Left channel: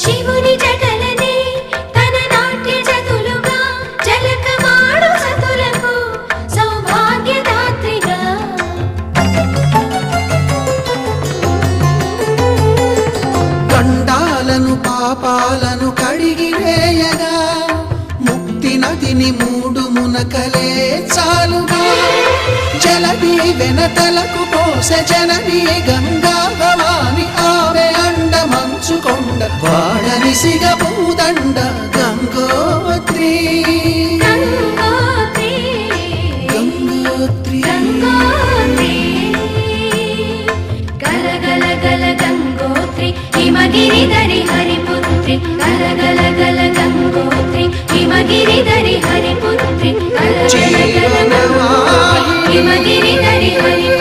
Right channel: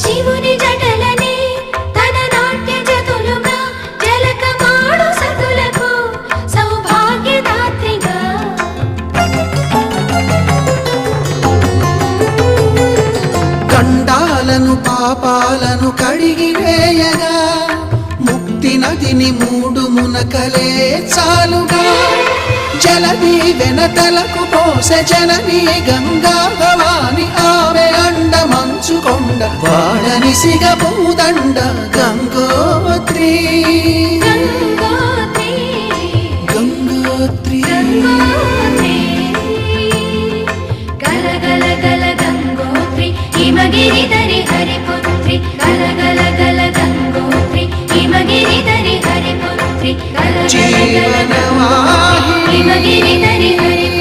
శివుని జటలనే తన నాట్య జతులుగా జలకమాడు సతులకు సౌభాగ్యదాత్రిగా గండాలను పాపాలను కడిగివేయగా ముక్తి నదిని మూడు మునకలే చాలుగా జలది వెనతలకు పోసె జనని గంగా భవాని ఆమె అండ మంచుకొండ వాడని సిగపూదండ గంగోత్రి గంగోత్రి గల గల గల గంగోత్రి హిమగిరిధరి హరిపుత్రి గల గల గల గంగోత్రి హిమగిరిధరి హరిపుత్రి గల గల గల గంగోత్రి హిమగిరిధరి హరిపుత్రి